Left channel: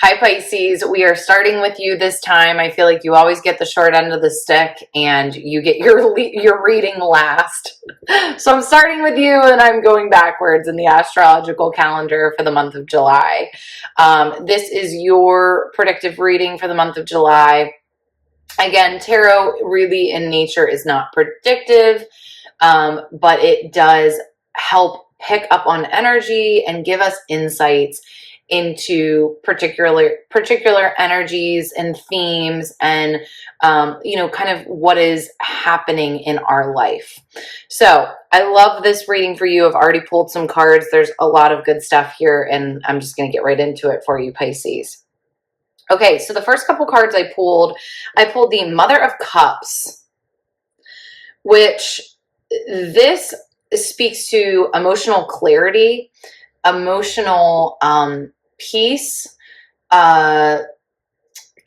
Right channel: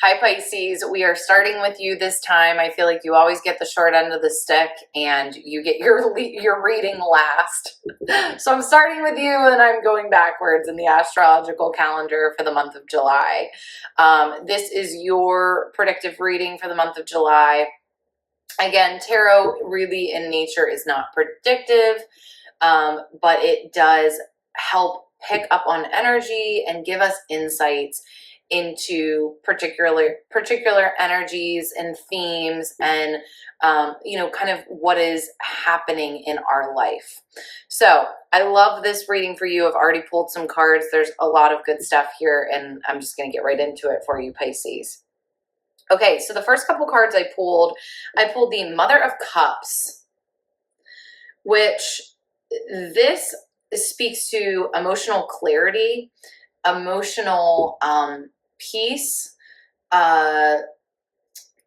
Hi Pisces, we are starting with you this time. I feel like you always get the short end of the stick and you get your reading last. So I'm starting with you and I'm going backwards in the astrological calendar for the month of July. This is your predictive reading for the month of July. Again, tarot really in nature is not predictive, but it does help pick up on energy and give us insights into particular energies and themes and kind of what is happening in our life. So I love this reading for you. I've already pulled some cards. There's a lot of good stuff here, and I'm just going to get right into it for you, Pisces. Okay, so the first couple cards I pulled the Mother of Cups, which this speaks to emotional clarity, emotional peace,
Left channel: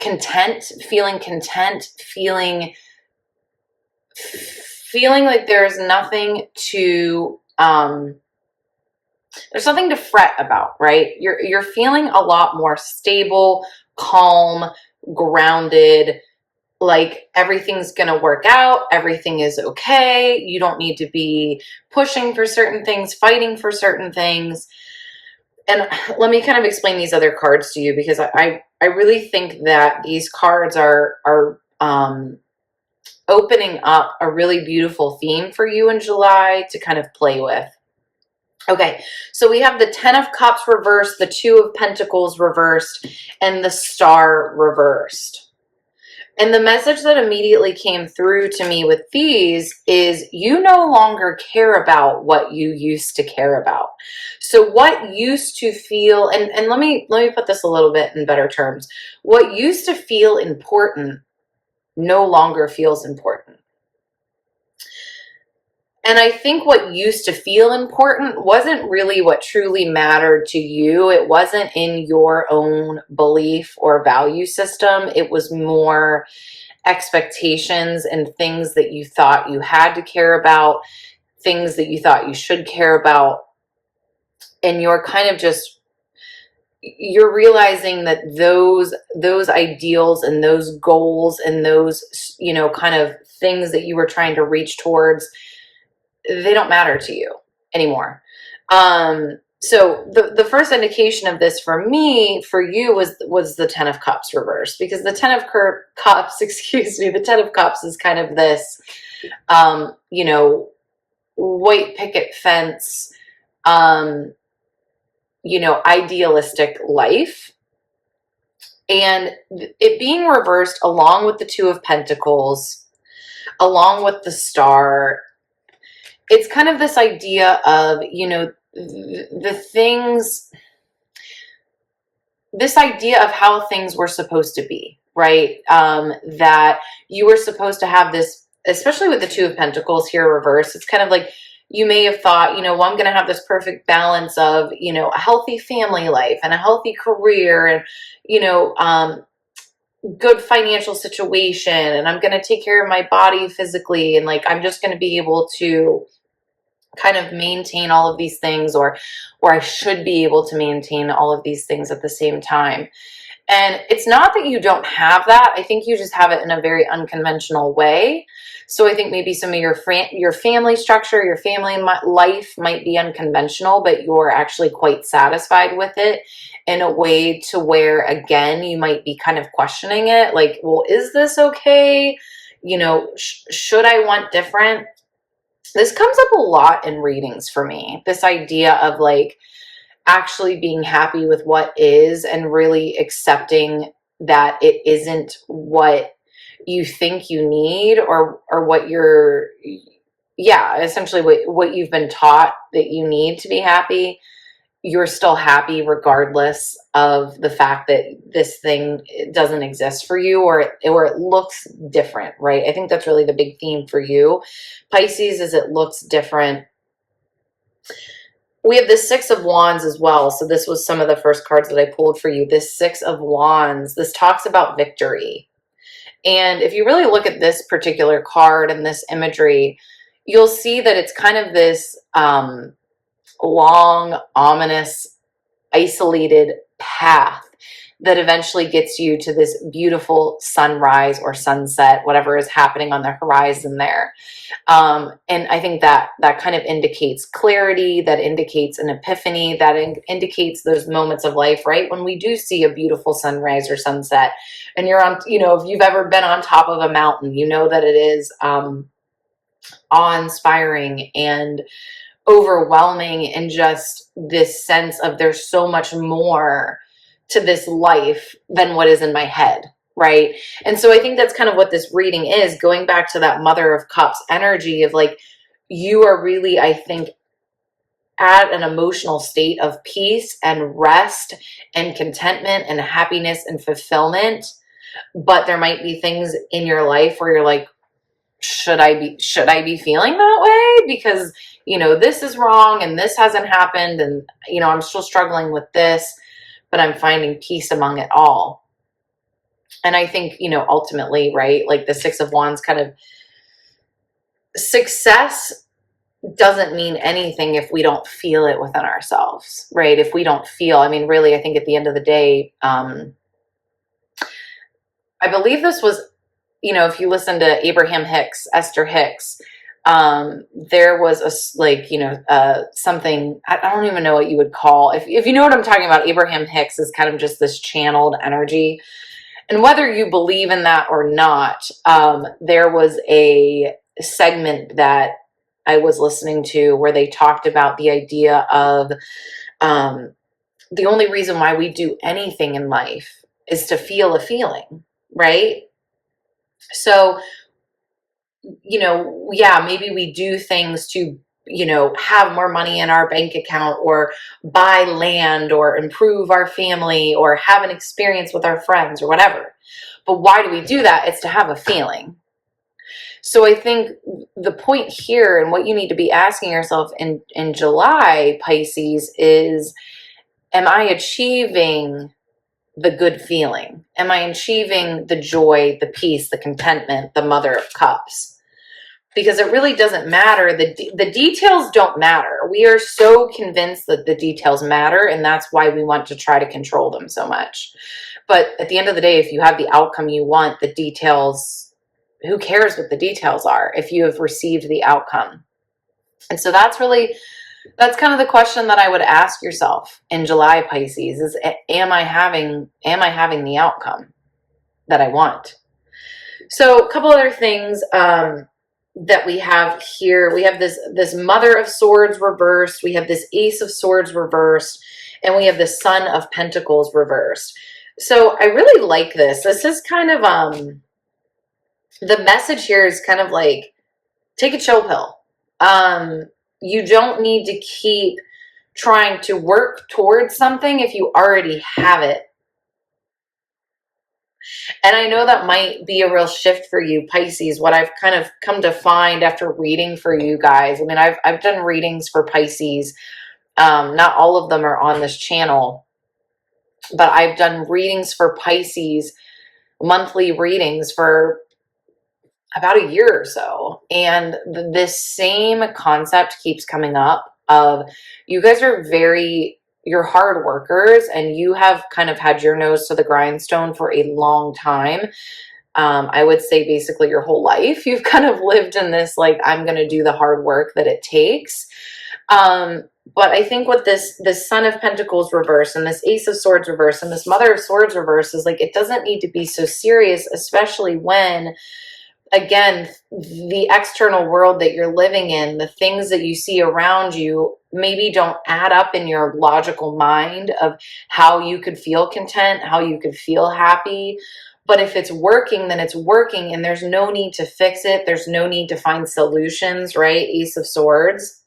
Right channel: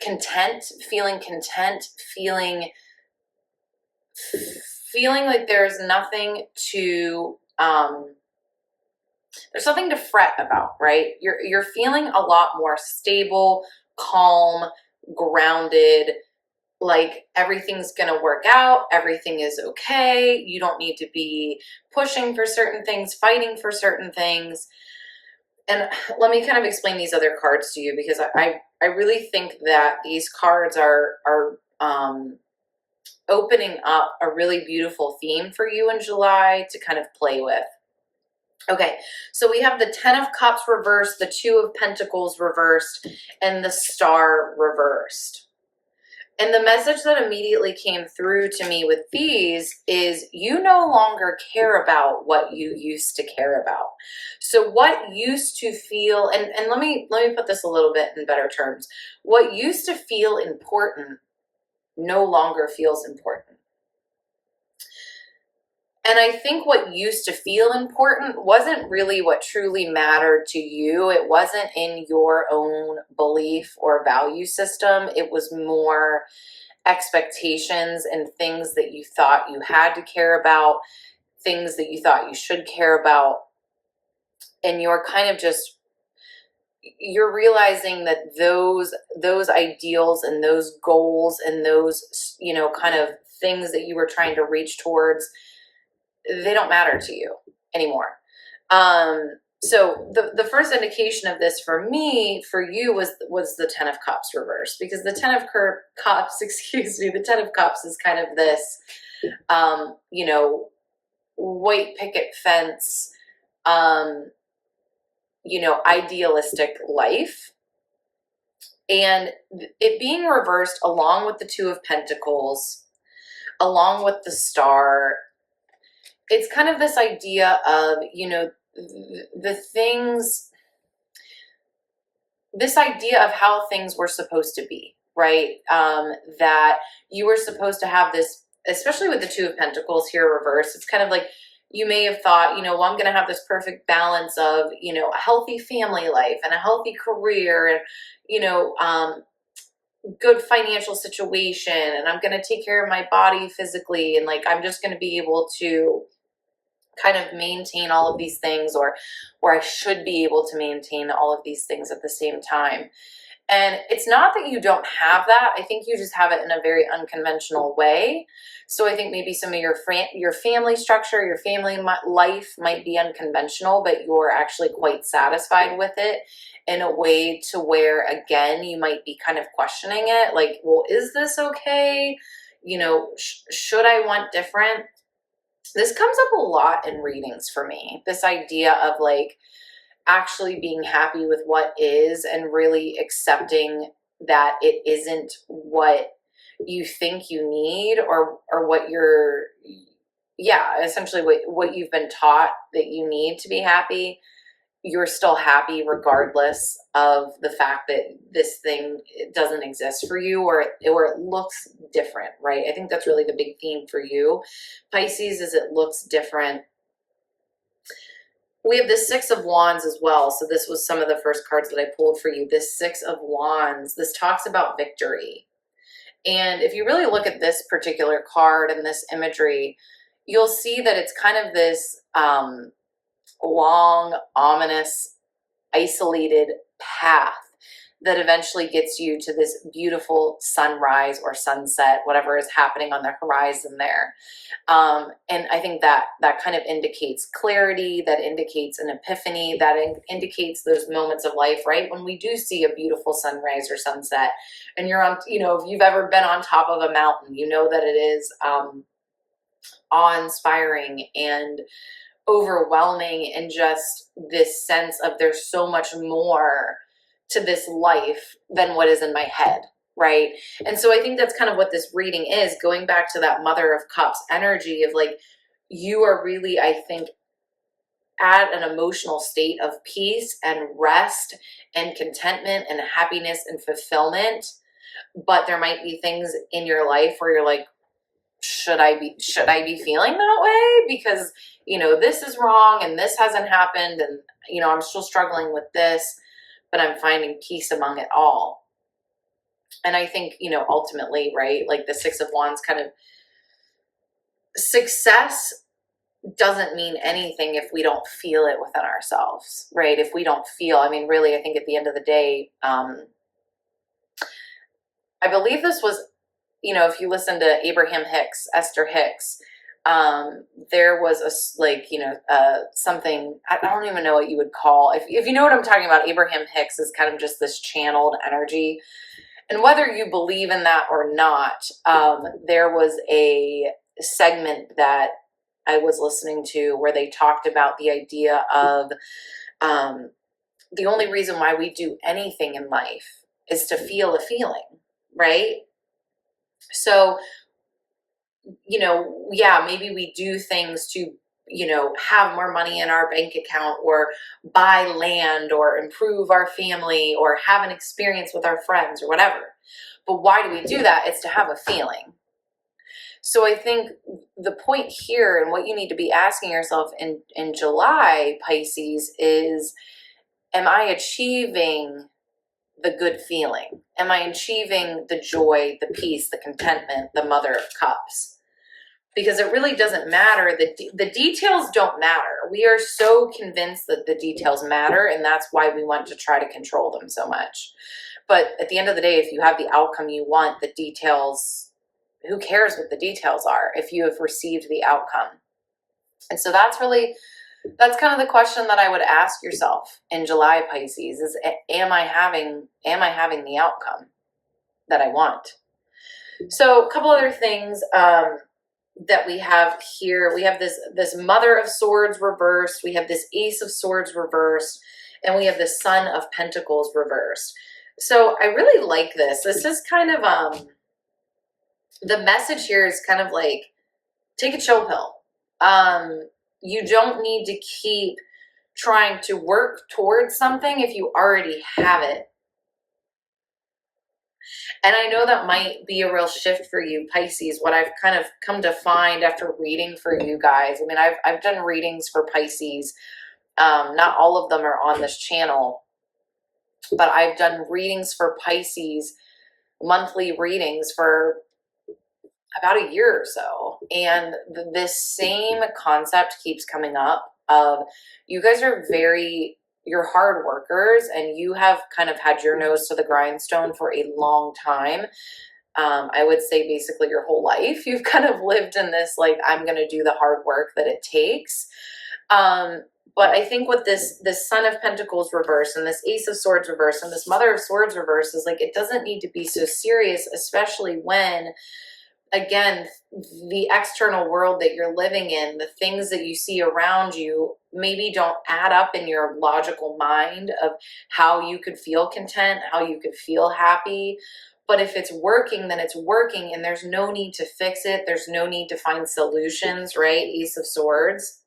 content, feeling like there's nothing to fret about, right? You're feeling a lot more stable, calm, grounded, like everything's going to work out, everything is okay. You don't need to be pushing for certain things, fighting for certain things. And let me kind of explain these other cards to you, because I really think that these cards are opening up a really beautiful theme for you in July to kind of play with. Okay, so we have the 10 of Cups reversed, the 2 of Pentacles reversed, and the Star reversed. And the message that immediately came through to me with these is you no longer care about what you used to care about. So what used to feel, and let me put this a little bit in better terms. What used to feel important no longer feels important. And I think what used to feel important wasn't really what truly mattered to you. It wasn't in your own belief or value system. It was more expectations and things that you thought you had to care about, things that you thought you should care about. And you're kind of you're realizing that those ideals and those goals and those, kind of things that you were trying to reach towards, they don't matter to you anymore. So the first indication of this for you was the 10 of Cups reversed, because the 10 of Cups, the 10 of Cups is kind of this, white picket fence, idealistic life. And it being reversed along with the 2 of Pentacles, along with the Star, it's kind of this idea of, this idea of how things were supposed to be, right? That you were supposed to have this, especially with the 2 of Pentacles here reversed. It's kind of like you may have thought, well, I'm going to have this perfect balance of, a healthy family life and a healthy career and, good financial situation. And I'm going to take care of my body physically. And like, I'm just going to be able to kind of maintain all of these things, or I should be able to maintain all of these things at the same time. And it's not that you don't have that. I think you just have it in a very unconventional way. So I think maybe some of your family structure, your family life might be unconventional, but you're actually quite satisfied with it in a way to where, again, you might be kind of questioning it. Like, well, is this okay? Should I want different? This comes up a lot in readings for me, this idea of like actually being happy with what is and really accepting that it isn't what you think you need, or what you're, essentially what you've been taught that you need to be happy. You're still happy regardless of the fact that this thing doesn't exist for you, or it looks different, right? I think that's really the big theme for you, Pisces, is it looks different. We have the 6 of Wands as well. So this was some of the first cards that I pulled for you. This 6 of Wands, this talks about victory. And if you really look at this particular card and this imagery, you'll see that it's kind of this long, ominous, isolated path that eventually gets you to this beautiful sunrise or sunset, whatever is happening on the horizon there. And I think that kind of indicates clarity, that indicates an epiphany, that indicates those moments of life, right? When we do see a beautiful sunrise or sunset, and you're on, if you've ever been on top of a mountain, you know that it is awe-inspiring and overwhelming, and just this sense of there's so much more to this life than what is in my head, right? And so I think that's kind of what this reading is, going back to that Mother of Cups energy of like, you are really, I think, at an emotional state of peace and rest and contentment and happiness and fulfillment. But there might be things in your life where you're like, should I be feeling that way? Because, this is wrong and this hasn't happened, and, I'm still struggling with this, but I'm finding peace among it all. And I think, ultimately, right, like the Six of Wands, kind of success doesn't mean anything if we don't feel it within ourselves, right? If we don't feel, really, I think at the end of the day, I believe this was, if you listen to Abraham Hicks, Esther Hicks, there was something, I don't even know what you would call, if you know what I'm talking about. Abraham Hicks is kind of just this channeled energy. And whether you believe in that or not, there was a segment that I was listening to where they talked about the idea of the only reason why we do anything in life is to feel a feeling, right? So, maybe we do things to, have more money in our bank account, or buy land, or improve our family, or have an experience with our friends, or whatever. But why do we do that? It's to have a feeling. So I think the point here, and what you need to be asking yourself in July, Pisces, is, am I achieving the good feeling? Am I achieving the joy, the peace, the contentment, the Mother of Cups? Because it really doesn't matter. The details don't matter. We are so convinced that the details matter, and that's why we want to try to control them so much. But at the end of the day, if you have the outcome you want, the details, who cares what the details are if you have received the outcome? And so that's kind of the question that I would ask yourself in July, Pisces, is, am I having the outcome that I want? So a couple other things that we have here. We have this Mother of Swords reversed. We have this Ace of Swords reversed. And we have the Son of Pentacles reversed. So I really like this. This is kind of, the message here is kind of like, take a chill pill. You don't need to keep trying to work towards something if you already have it. And I know that might be a real shift for you, Pisces. What I've kind of come to find after reading for you guys, I've done readings for Pisces. Not all of them are on this channel, but I've done readings for Pisces, monthly readings for about a year or so. And this same concept keeps coming up of, you guys are you're hard workers, and you have kind of had your nose to the grindstone for a long time. I would say basically your whole life. You've kind of lived in this, like, I'm going to do the hard work that it takes. But I think with this Son of Pentacles reverse, and this Ace of Swords reverse, and this Mother of Swords reverse, is like, it doesn't need to be so serious, especially when, again, the external world that you're living in, the things that you see around you maybe don't add up in your logical mind of how you could feel content, how you could feel happy. But if it's working, then it's working, and there's no need to fix it. There's no need to find solutions, right? Ace of Swords.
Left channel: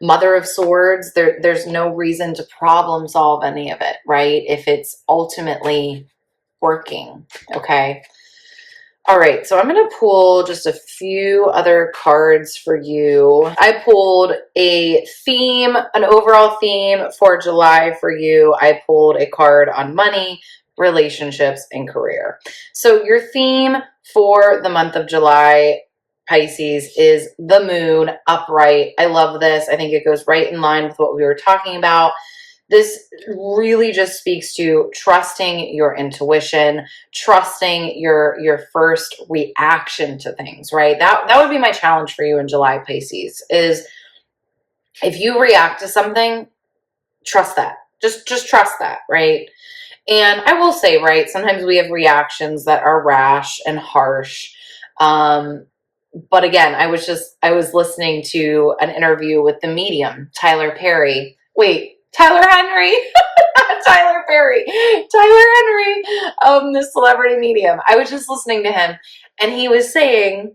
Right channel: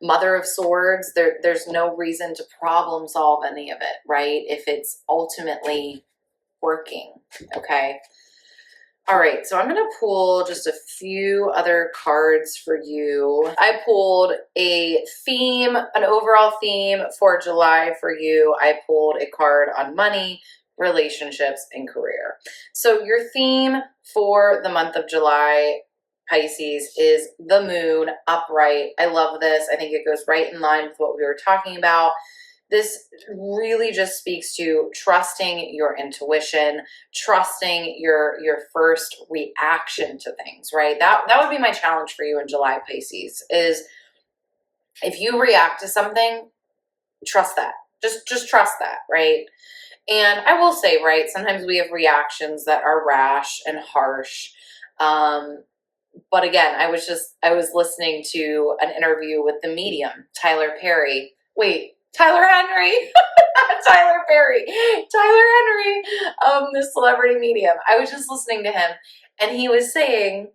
Mother of Swords, there's no reason to problem solve any of it, right? If it's ultimately working, okay? All right, so I'm going to pull just a few other cards for you. I pulled a theme, an overall theme for July for you. I pulled a card on money, relationships, and career. So your theme for the month of July, Pisces, is the moon upright. I love this. I think it goes right in line with what we were talking about. This really just speaks to trusting your intuition, trusting your first reaction to things, right? That would be my challenge for you in July, Pisces, is if you react to something, trust that. Just trust that, right? And I will say, right, sometimes we have reactions that are rash and harsh. But again, I was listening to an interview with the medium, Tyler Perry. Wait, Tyler Henry. Tyler Perry. Tyler Henry, the celebrity medium. I was just listening to him, and he was saying,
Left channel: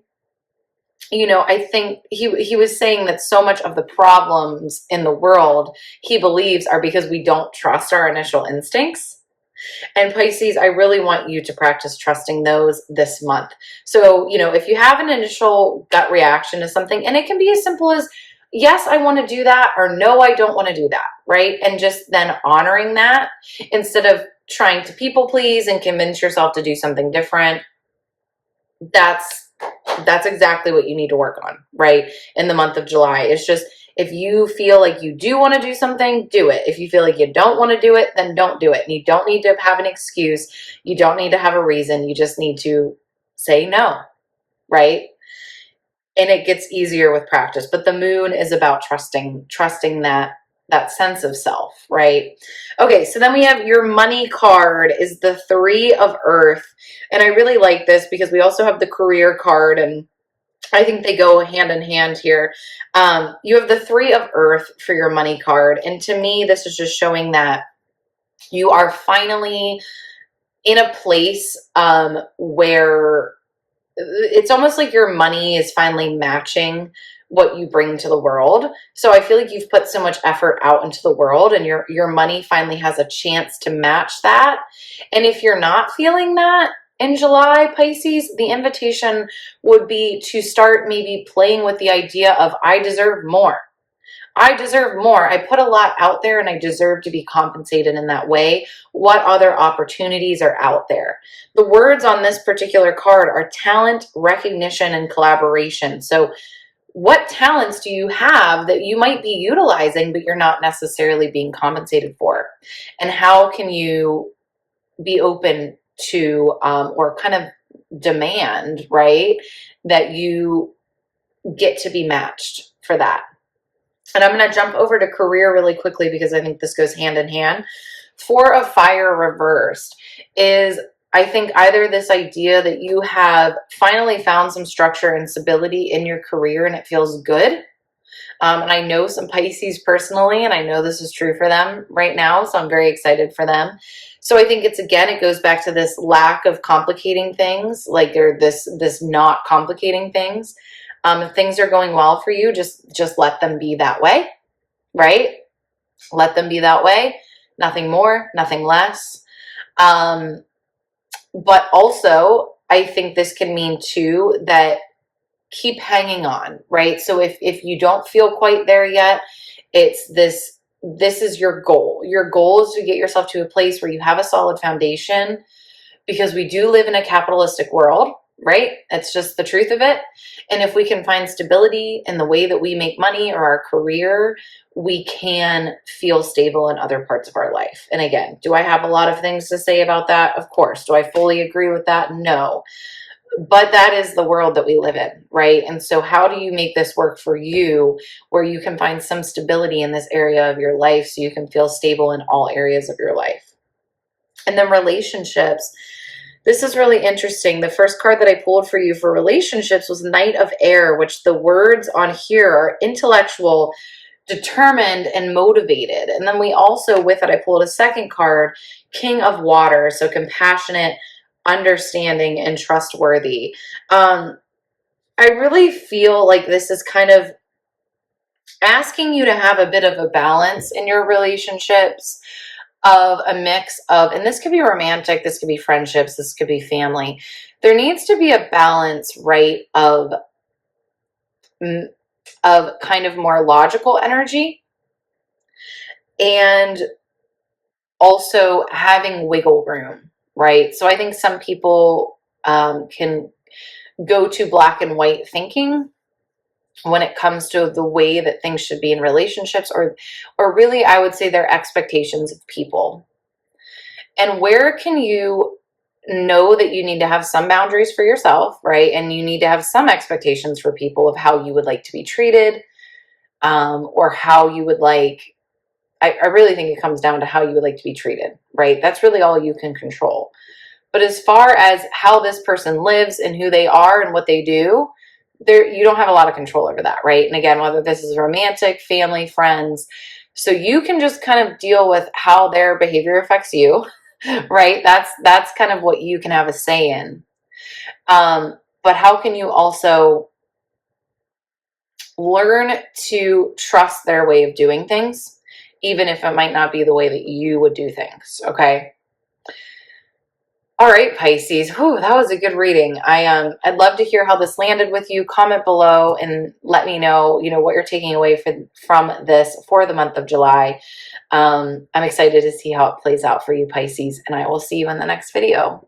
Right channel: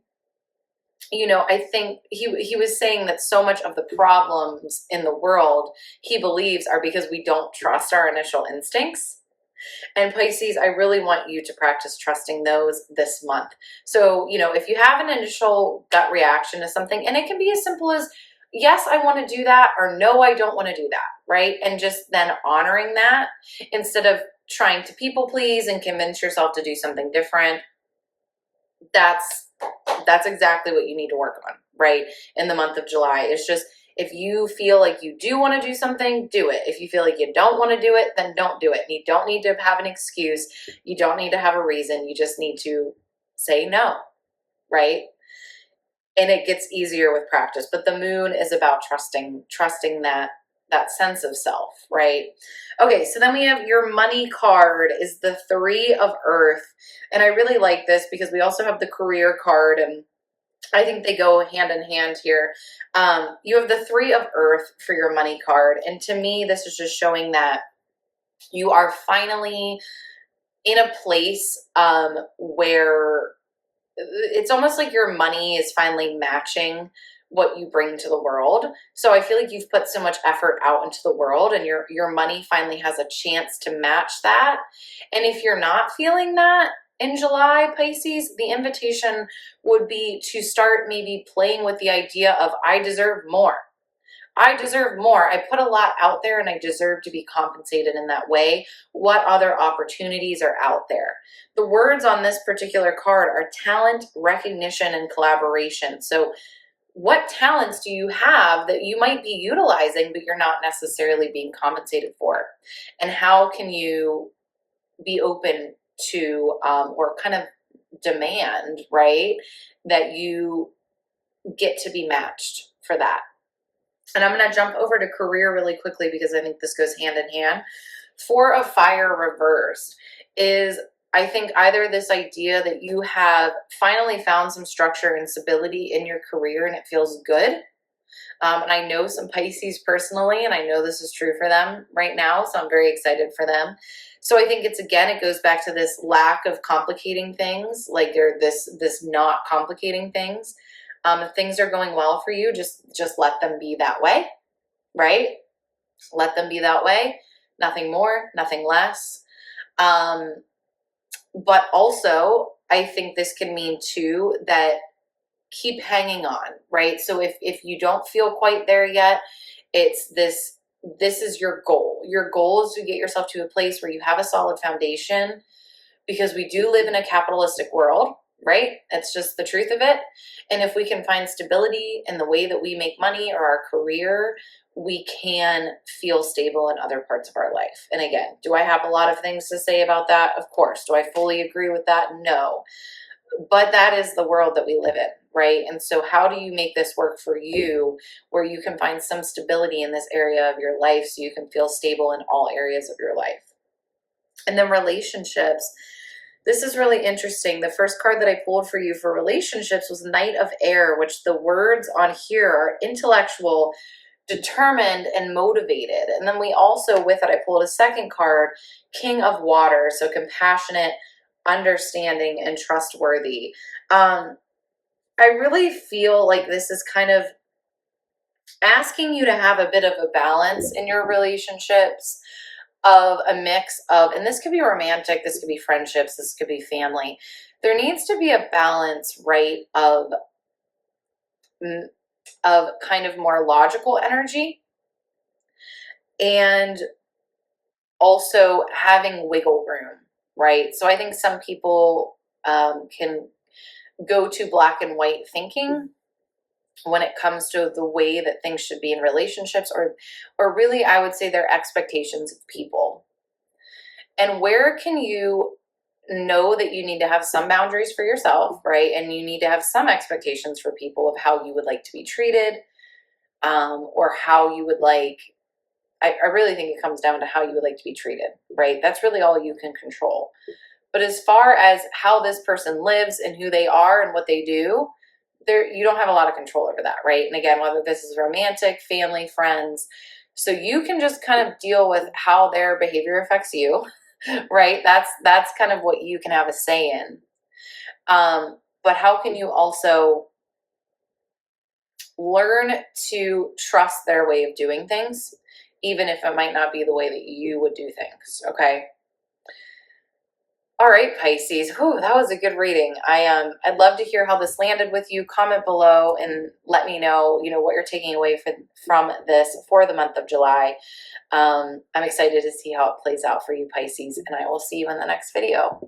I think he was saying that so much of the problems in the world, he believes, are because we don't trust our initial instincts. And Pisces, I really want you to practice trusting those this month. So, if you have an initial gut reaction to something, and it can be as simple as, yes, I want to do that, or no, I don't want to do that, right? And just then honoring that instead of trying to people please and convince yourself to do something different. That's exactly what you need to work on, right? In the month of July. It's just, if you feel like you do want to do something, do it. If you feel like you don't want to do it, then don't do it. And you don't need to have an excuse. You don't need to have a reason. You just need to say no, right? And it gets easier with practice. But the moon is about trusting that sense of self, right? Okay, so then we have your money card is the 3 of Earth. And I really like this because we also have the career card, and I think they go hand in hand here. You have the 3 of Earth for your money card. And to me, this is just showing that you are finally in a place where it's almost like your money is finally matching what you bring to the world. So I feel like you've put so much effort out into the world, and your money finally has a chance to match that. And if you're not feeling that in July, Pisces, the invitation would be to start maybe playing with the idea of, I deserve more. I deserve more. I put a lot out there and I deserve to be compensated in that way. What other opportunities are out there? The words on this particular card are talent, recognition, and collaboration. So what talents do you have that you might be utilizing, but you're not necessarily being compensated for? And how can you be open to, or kind of demand, right, that you get to be matched for that? And I'm going to jump over to career really quickly because I think this goes hand in hand. 4 of Fire reversed is, I think, either this idea that you have finally found some structure and stability in your career and it feels good. And I know some Pisces personally, and I know this is true for them right now, so I'm very excited for them. So I think it goes back to this lack of complicating things, like they're this not complicating things. If things are going well for you, just let them be that way, right? Let them be that way. Nothing more, nothing less. But also, I think this can mean too that keep hanging on, right? So if you don't feel quite there yet, it's this is your goal. Your goal is to get yourself to a place where you have a solid foundation, because we do live in a capitalistic world, right? It's just the truth of it. And if we can find stability in the way that we make money or our career, we can feel stable in other parts of our life. And again, do I have a lot of things to say about that? Of course. Do I fully agree with that? No. But that is the world that we live in, right? And so how do you make this work for you, where you can find some stability in this area of your life so you can feel stable in all areas of your life? And then relationships. This is really interesting. The first card that I pulled for you for relationships was Knight of Air, which the words on here are intellectual, determined, and motivated. And then we also, with it, I pulled a second card, King of Water, so compassionate, understanding, and trustworthy. I really feel like this is kind of asking you to have a bit of a balance in your relationships, of a mix of, and this could be romantic, this could be friendships, this could be family. There needs to be a balance, right, of kind of more logical energy, and also having wiggle room, right? So I think some people can go to black and white thinking, when it comes to the way that things should be in relationships, or really I would say their expectations of people. And where can you know that you need to have some boundaries for yourself, right? And you need to have some expectations for people of how you would like to be treated, or how you would like, I really think it comes down to how you would like to be treated, right? That's really all you can control. But as far as how this person lives and who they are and what they do, there, you don't have a lot of control over that, right? And again, whether this is romantic, family, friends, so you can just kind of deal with how their behavior affects you, right? That's kind of what you can have a say in. But how can you also learn to trust their way of doing things, even if it might not be the way that you would do things? Okay. All right, Pisces. Whew, that was a good reading. I'd love to hear how this landed with you. Comment below and let me know, what you're taking away from this for the month of July. I'm excited to see how it plays out for you, Pisces, and I will see you in the next video.